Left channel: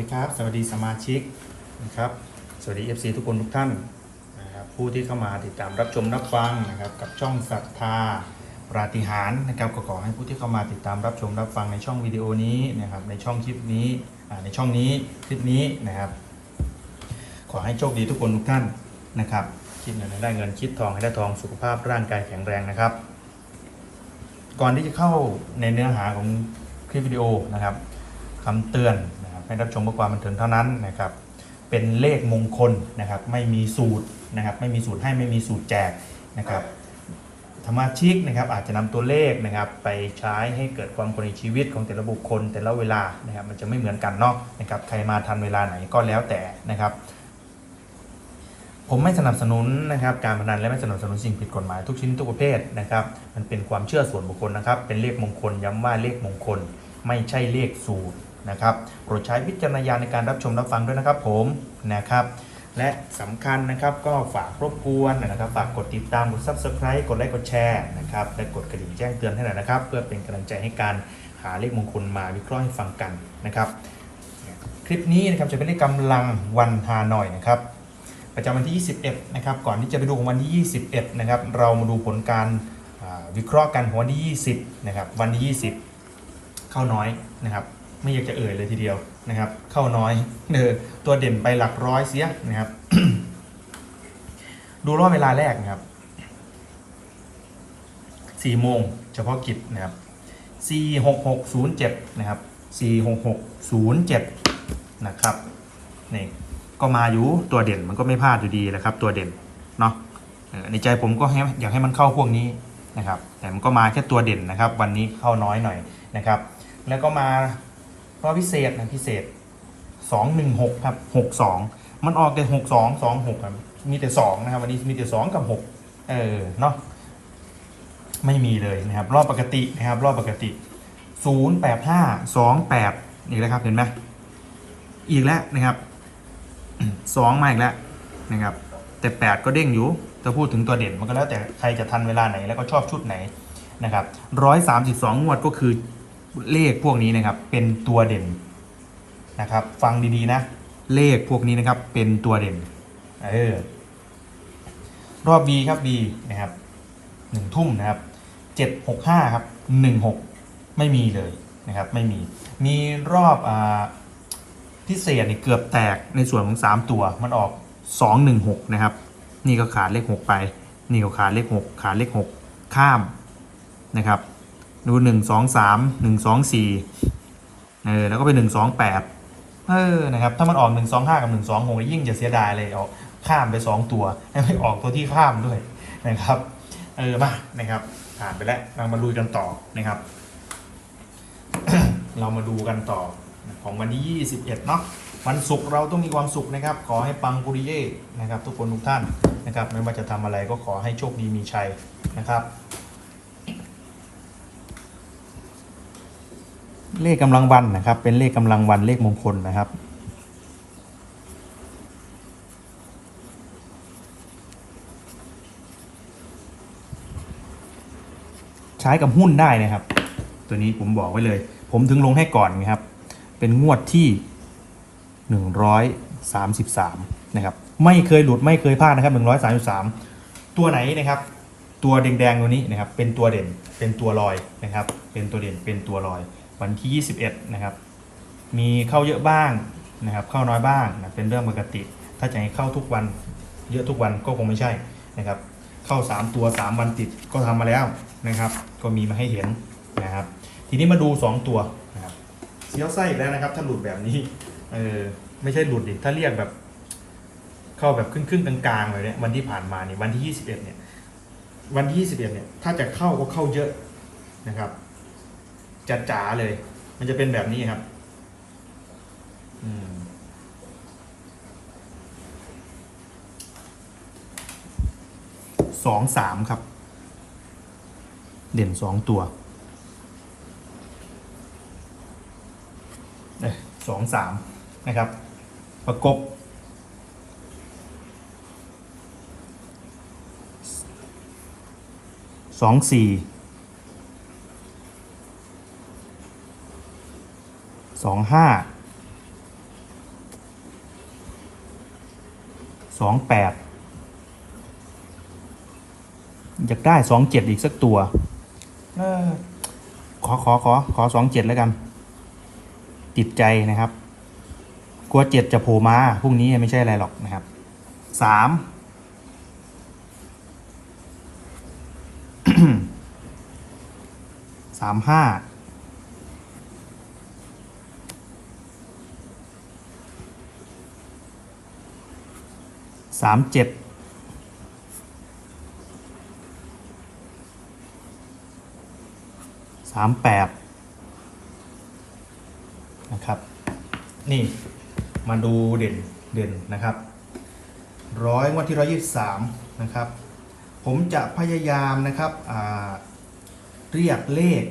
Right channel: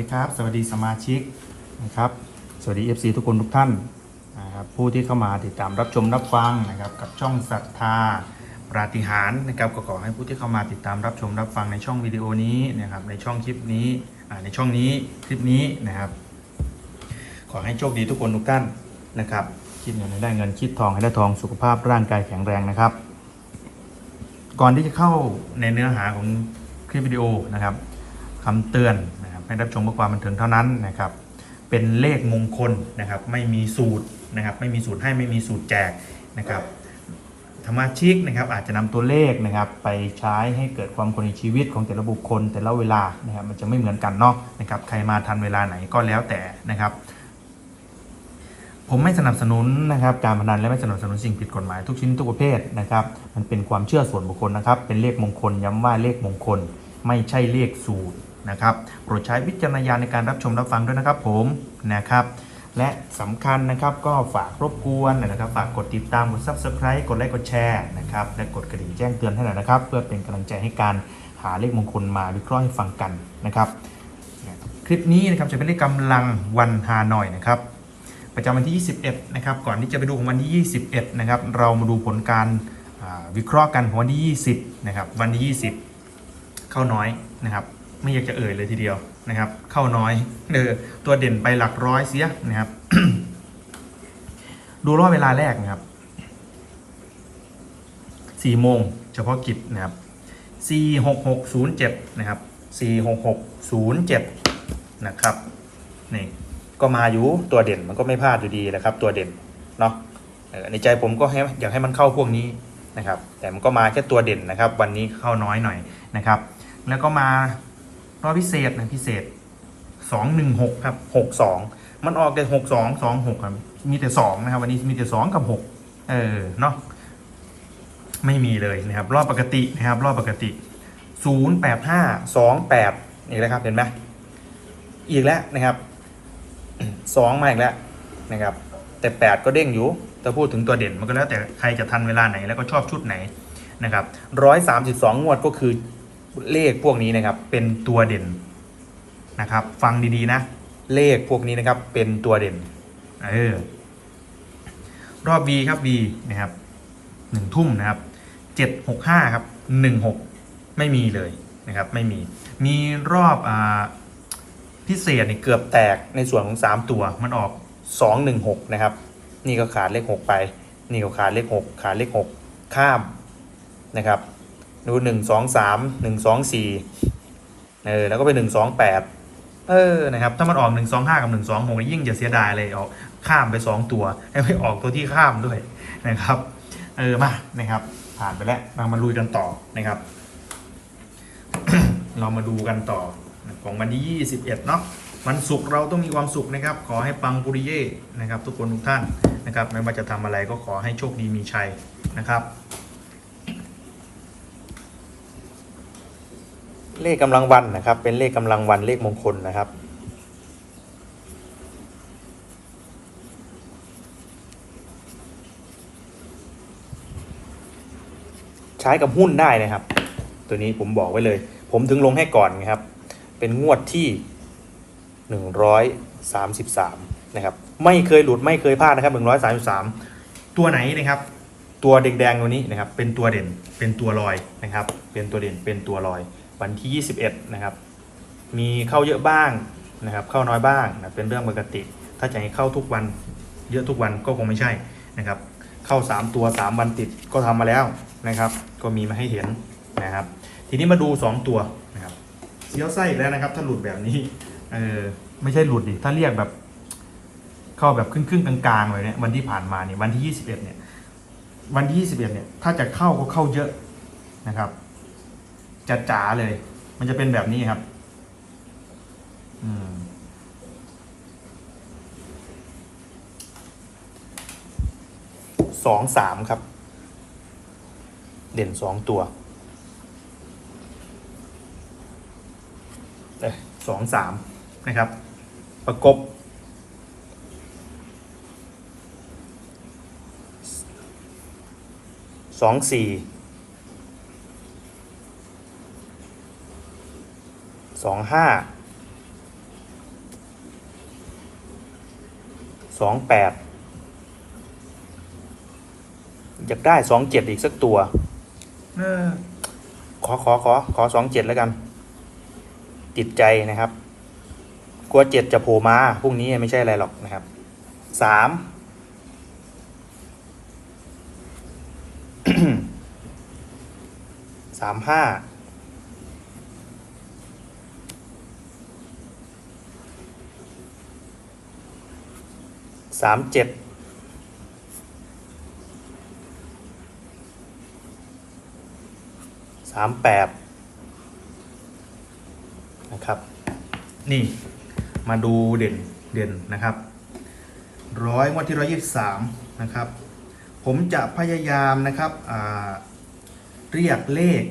ดีครับ สวัสดีสมาชิกนะครับสวัสดี FC ทุกคนทุกท่านนะครับผู้ที่เข้ามาติดตามรับชมรับฟังนะครับกับช่องศรัทธาปราฏิหารย์นะครับก็ขอให้ผู้ที่เข้ามาติดตามรับชมรับฟังในช่องวิดีโอนี้นะครับในช่องคลิปนี้ในช่องนี้คลิปนี้นะครับ ขอให้โชคดีทุกคนทุกท่านนะครับคิดเงินให้ได้เงินคิดทองให้ได้ทองสุขภาพร่างกายแข็งแรงนะครับ ก่อนที่จะเข้าในเนื้อหาของคลิปวิดีโอนะครับคำเตือน ให้รับชมเพื่อความบันเทิงเท่านั้นนะครับ เป็นเลขมงคลนะครับ ไม่มีสูตรนะครับ ไม่มีสูตรให้ไม่มีสูตรแจกนะครับสมาชิกนะครับอาจจะนำตัวเลขนะครับ ไปใช้ให้เกิดความคนในชีวิตของแต่ละบุคคล แต่ละเวลานะครับ มันจะไม่เหมือนกันเนาะนะครับ ใครมาทันเวลาไหนก็แล้วแต่นะครับผมไม่สนับสนุนนะครับการพนันและไม่สนับสนุนสิ่งผิดกฎหมายทุกชนิดทุกประเภทนะครับ มันเป็นความเชื่อส่วนบุคคลนะครับ เป็นเลขมงคลย้ำว่าเลขมงคล ไม่ใช่เลขสูตร นะครับโปรดใช้วิจารณญาณในการรับชมรับฟังด้วยนะครับผมนะครับ และสำคัญนะครับก็ฝากรบกวนนะครับฝากกดติดตามกด subscribe กดไลค์กดแชร์นะครับและกดกระดิ่งแจ้งเตือนให้หน่อยนะครับ เพื่อเป็นกำลังใจให้การหาเลขมงคลมาวิเคราะห์ให้ฟังกันนะครับ คลิปนี้นะครับจะเป็นเลขกำลังวันฮานอยนะครับประจำวันที่ 21 นะครับ ก่อนที่จะไปดูของวันที่ 21 นะครับ เรามาดูผลการวิเคราะห์กันของวันที่ 20 นะครับ วันที่ 20 เข้าน้อยนะครับ ไม่อยากจะเอ่ยเลยทีเดียวนะครับ เข้าน้อยเออตัวเด่นไปหลักร้อยเสียนะครับ ดูรอบเวลาแรกนะครับ4โมงเฉพาะกิจนะครับ46607นย์เจ็บนะครับ46607นย์เจ็บนะครับนี่ก็มาอยู่ตัวเด่นมันก็ไม่พลาดอยู่ดีแหละครับ ตัวเด่นเนาะในใจผมก็อยากให้มันเข้าพวกนี้นะครับ แต่มันก็มาแค่ตัวเด่นนะครับ วันนี้เข้าน้อยหน่อยนะครับ แล้วก็มา รอบพิเศษนะพิเศษ216ครับ62มันออกแต่62 26ครับมีแต่2นะครับวันนี้มีแต่2กับ6เออเนาะไม่มีเลยนะครับ รอบปกตินะครับ รอบปกติ085 28นี่แหละครับเห็นไหมอีกแล้วนะครับสองมาอีกแล้วนะครับ แต่8ก็เด้งอยู่ถ้าพูดถึงตัวเด่นมันก็แล้วแต่ใครจะทันเวลาไหนแล้วก็ชอบชุดไหนนะครับร้อยสามสิบสองงวดก็คือ เลขพวกนี้นะครับเป็นตัวเด่นนะครับ ฟังดีๆนะ เลขพวกนี้นะครับเป็นตัวเด่นเออรอบ B ครับ B นะครับหนึ่งทุ่มนะครับเจ็ดหกห้าครับหนึ่งหกไม่มีเลยนะครับไม่มีมีรอบอ่าพิเศษเนี่เกือบแตกในส่วนของ 3 ตัวมันออก 216 นะครับ นี่ก็ขาดเลข 6 ไป นี่ก็ขาดเลข 6 ขาดเลข 6 ข้ามนะครับ ดู1 2 3 1 2 4เออแล้วก็เป็น1 2 8เออนะครับถ้ามันออก1 2 5กับ1 2 6ยิ่งจะเสียดายเลยออกข้ามไป2ตัวให้ไม่ออกตัวที่ข้ามด้วยนะครับเออมานะครับผ่านไปแล้วเรามาลุยกันต่อนะครับ เรามาดูกันต่อของวันที่ 21 เนาะวันศุกร์เราต้องมีความสุขนะครับ ขอให้ปังปุริเย่นะครับ ทุกคนทุกท่านนะครับไม่ว่าจะทำอะไรก็ขอให้โชคดีมีชัยนะครับ เลขกำลังวันนะครับ เป็นเลขกำลังวันเลขมงคลนะครับ ใช้กับหุ้นได้นะครับ ตัวนี้ผมบอกไว้เลย ผมถึงลงให้ก่อนนะครับ เป็นงวดที่ 133 นะครับ ไม่เคยหลุดไม่เคยพลาดนะครับ 133 ตัวไหนนะครับตัวแดงๆตัวนี้นะครับเป็นตัวเด่นเป็นตัวลอยนะครับ เป็นตัวเด่นเป็นตัวลอย วันที่ 21 นะครับ มีเข้าเยอะบ้างนะครับ เข้าน้อยบ้างนะเป็นเรื่องปกติ ถ้าจะให้เข้าทุกวันเยอะทุกวันก็คงไม่ใช่นะครับ เข้า 3 ตัว 3 วันติดก็ทำมาแล้วนะครับ ก็มีมาให้เห็นนะครับ ทีนี้มาดู 2 ตัวนะครับเสียวไส้แล้วนะครับ ถ้าหลุดแบบนี้เออไม่ใช่หลุดดิถ้าเรียกแบบ เข้าแบบครึ่งครึ่งๆกลางๆเลยเนี่ยวันที่ผ่านมาเนี่ยวันที่ 21 เนี่ยวันที่ 21 เนี่ย ถ้าจะเข้าก็เข้าเยอะนะครับ จะจ๋าเลย มันจะเป็นแบบนี้ครับ อืมสองสามครับ เด่นสองตัวเอ้ยสองสามนะครับ ประกบสองสี่ สองห้าสองแปดอยากได้สองเจ็ดอีกสักตัวออขอขอขอขอสองเจ็ดแล้วกัน ติดใจนะครับ กลัวเจ็ดจะโผล่มาพรุ่งนี้ไม่ใช่อะไรหรอกนะครับสามสามห้า สามเจ็ดสามแปดนะครับ นี่มาดูเด่นเด่นนะครับร้อยวันที่ร้อยยี่สามนะครับ ผมจะพยายามนะครับเรียกเลข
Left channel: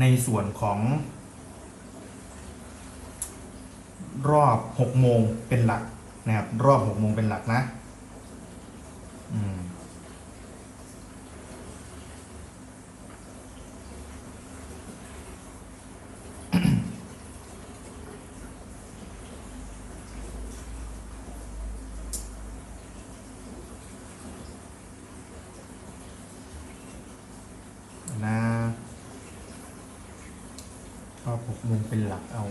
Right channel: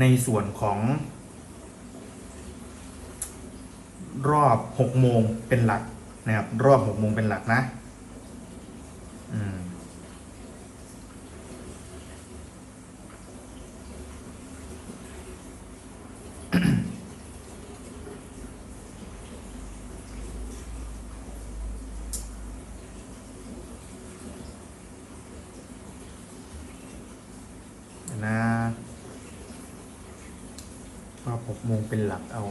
ในส่วนของ รอบหกโมงเป็นหลัก นะครับ รอบหกโมงเป็นหลักนะ อืมนะรอบหกโมงเป็นหลักเอา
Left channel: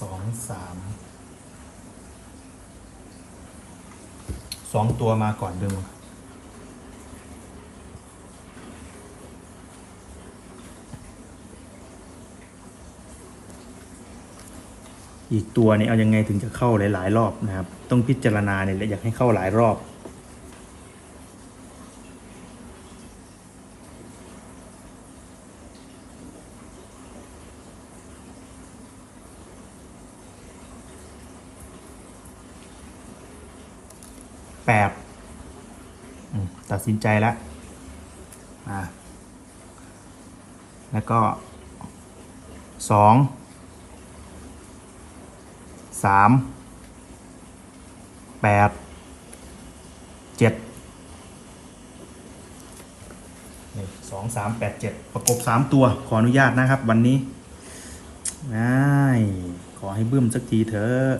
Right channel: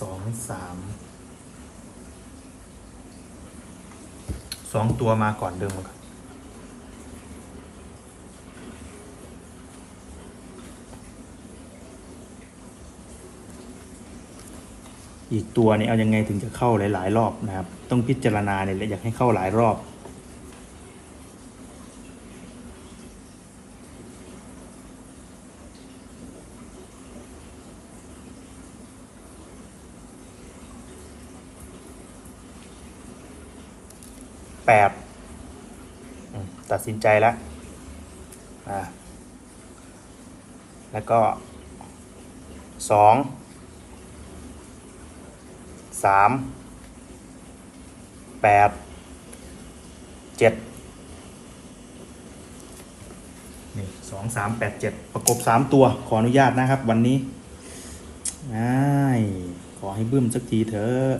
สองสามสองตัวมาก่อนเดิมอีกตัวนี้เอายังไงถึงจะเข้าหลาย ๆ รอบนะครับ ต้องพิจารณาเนี่ยอยากให้เข้าหลายรอบ ตัดสินใจแล้วแล้วก็สองสามแปดเจ็ดนี่สองสามแปดเจ็ดประกบสามตัวขออนุญาตนะครับวันนี้ง่ายขอให้บึ้มสักทีเถอะ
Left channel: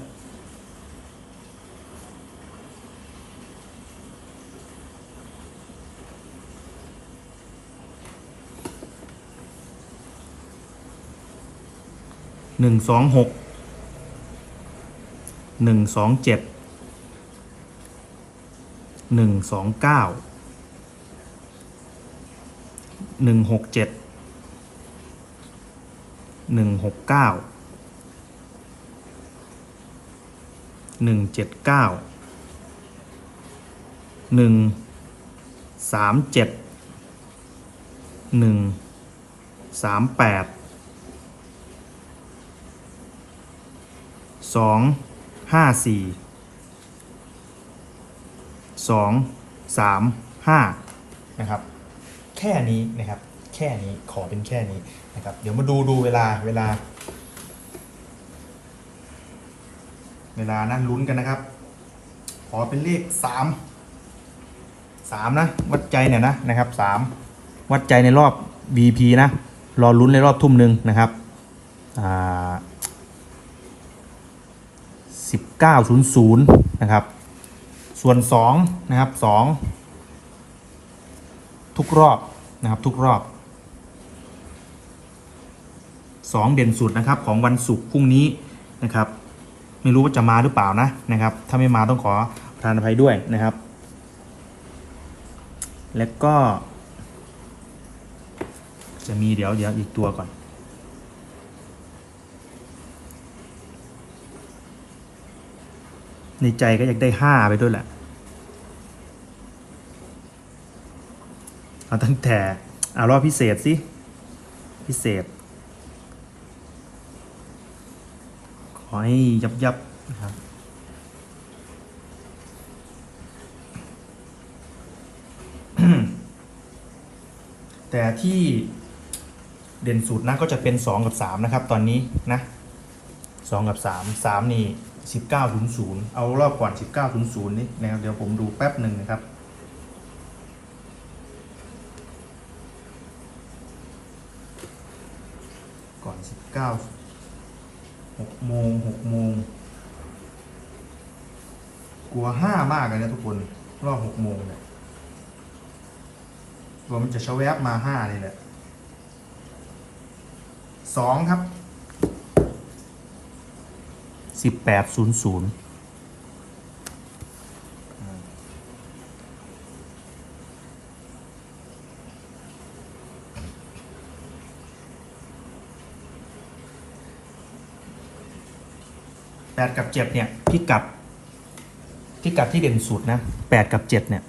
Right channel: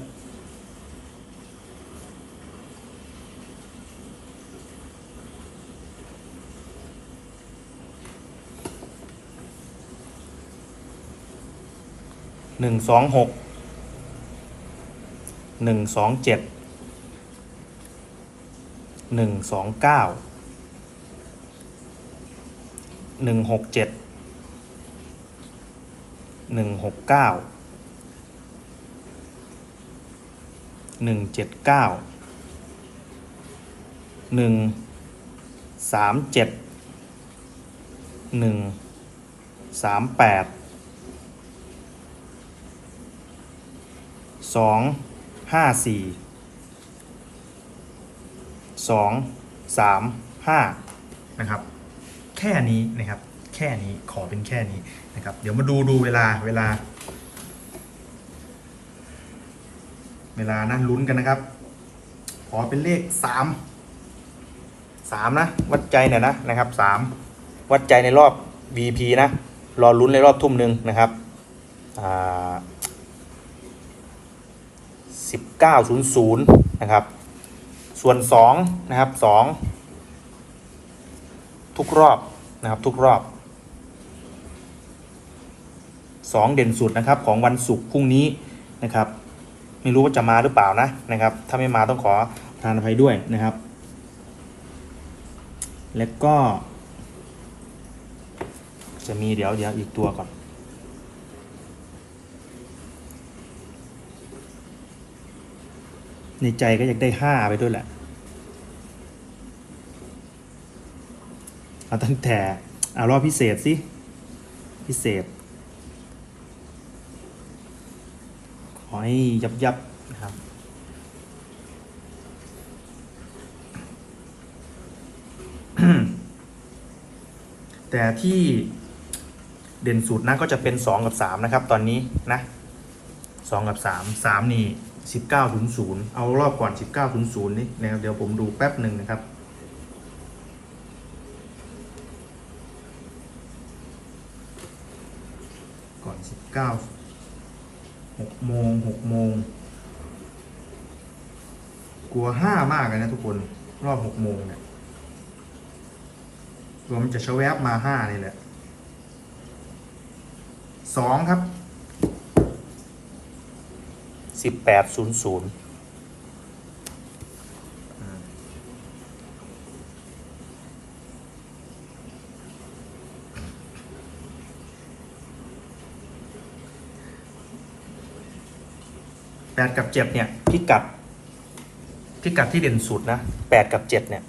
หนึ่งสองหกหนึ่งสองเจ็ดหนึ่งสองเก้าหนึ่งหกเจ็ดหนึ่งหกเก้าหนึ่งเจ็ดเก้าหนึ่งสามเจ็ดหนึ่งสามแปด สองห้าสี่สองสามห้านะครับ แค่นี้นะครับ แค่นี้ขอเป็นแค่นี้นะครับ เดี๋ยวมาดูดูเวลาเวลา เวลานั่นลุ้นกันนะครับ ขอเป็นเลขสามสามนะ วัดใจเนี่ยนะนะครับสามวัดใจในรอบ VP นะ รอลุ้นในรอบทุ่มหนึ่งนะครับอ่า 900นะครับ ส่วน2นะครับ2ทุกรอบนะครับทุกรอบ 2 เด่นสุดนะครับของวันศุกร์พรุ่งนี้นะครับ ไม่รู้ว่าจะมาหรือเปล่านะนะครับ ถ้าไม่มาต้องขอประทานอภัยด้วยนะครับ แล้วก็ จะมีเดี๋ยวเดี๋ยวอีกตัวก่อน ในใจก็อยากได้ห้าไปด้วยแหละ เอาตั้งแต่ เอารอบพิเศษสิ พิเศษ ขอให้ยับยับนะครับแต่ที่เด่นสุดนะก็จะเป็น 2 กับ 3 นะครับ ตอนนี้นะ2กับ 3 3 นี่ 1900 เอารอบก่อน 1900 นี่นะครับเดี๋ยวผมดูแป๊บหนึ่งนะครับ ก่อน 19หกโมงหกโมงกลัวห้ามากเลยนะทุกคนรอบหกโมงเนี่ยรวมนจะชะแวบมาห้านี่แหละสองครับ สิบแปดศูนย์ศูนย์แปดกับเจ็ดเนี่ยพิกัดพิกัดที่เด่นสุดนะแปดกับเจ็ดเนี่ย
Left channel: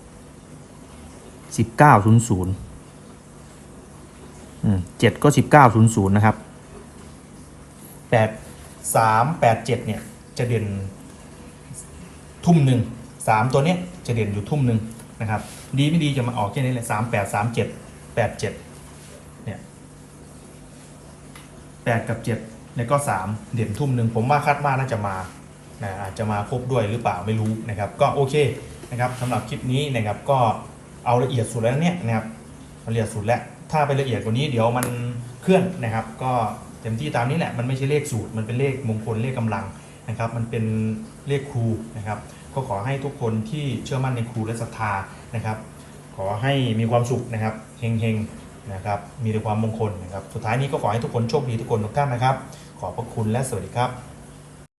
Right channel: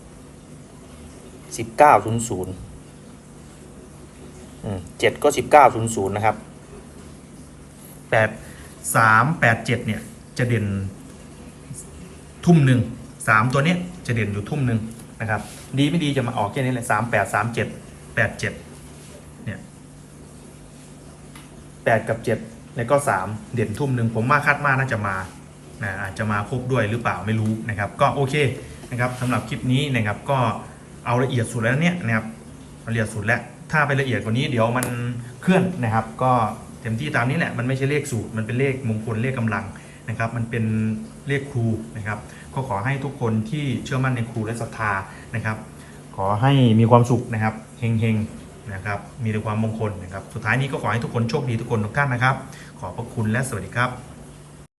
สิบเก้าศูนย์ศูนย์เจ็ดก็สิบเก้าศูนย์ศูนย์นะครับแปด สามแปดเจ็ดเนี่ยจะเด่นทุ่มหนึ่งสามตัวเนี้ยจะเด่นอยู่ทุ่มหนึ่งนะครับดีไม่ดีจะมาออกแค่นี้แหละสามแปดสามเจ็ดแปดเจ็ดเนี่ยแปดกับเจ็ดแล้วก็สามเด่นทุ่มหนึ่งผมว่าคาดว่าน่าจะมานะอาจจะมาครบด้วยหรือเปล่าไม่รู้นะครับก็โอเคนะครับสำหรับคลิปนี้นะครับก็เอาละเอียดสุดแล้วเนี่ยนะครับละเอียดสุดแล้วถ้าไปละเอียดกว่านี้เดี๋ยวมันเคลื่อนนะครับก็ เต็มที่ตามนี้แหละมันไม่ใช่เลขสูตร มันเป็นเลขมงคลเลขกำลังนะครับ มันเป็นเลขครูนะครับ ก็ขอให้ทุกคนที่เชื่อมั่นในครูและศรัทธานะครับ ขอให้มีความสุขนะครับเฮงๆนะครับมีแต่ความมงคลนะครับ สุดท้ายนี้ก็ขอให้ทุกคนโชคดีทุกคนทุกท่านนะครับ ขอบพระคุณและสวัสดีครับ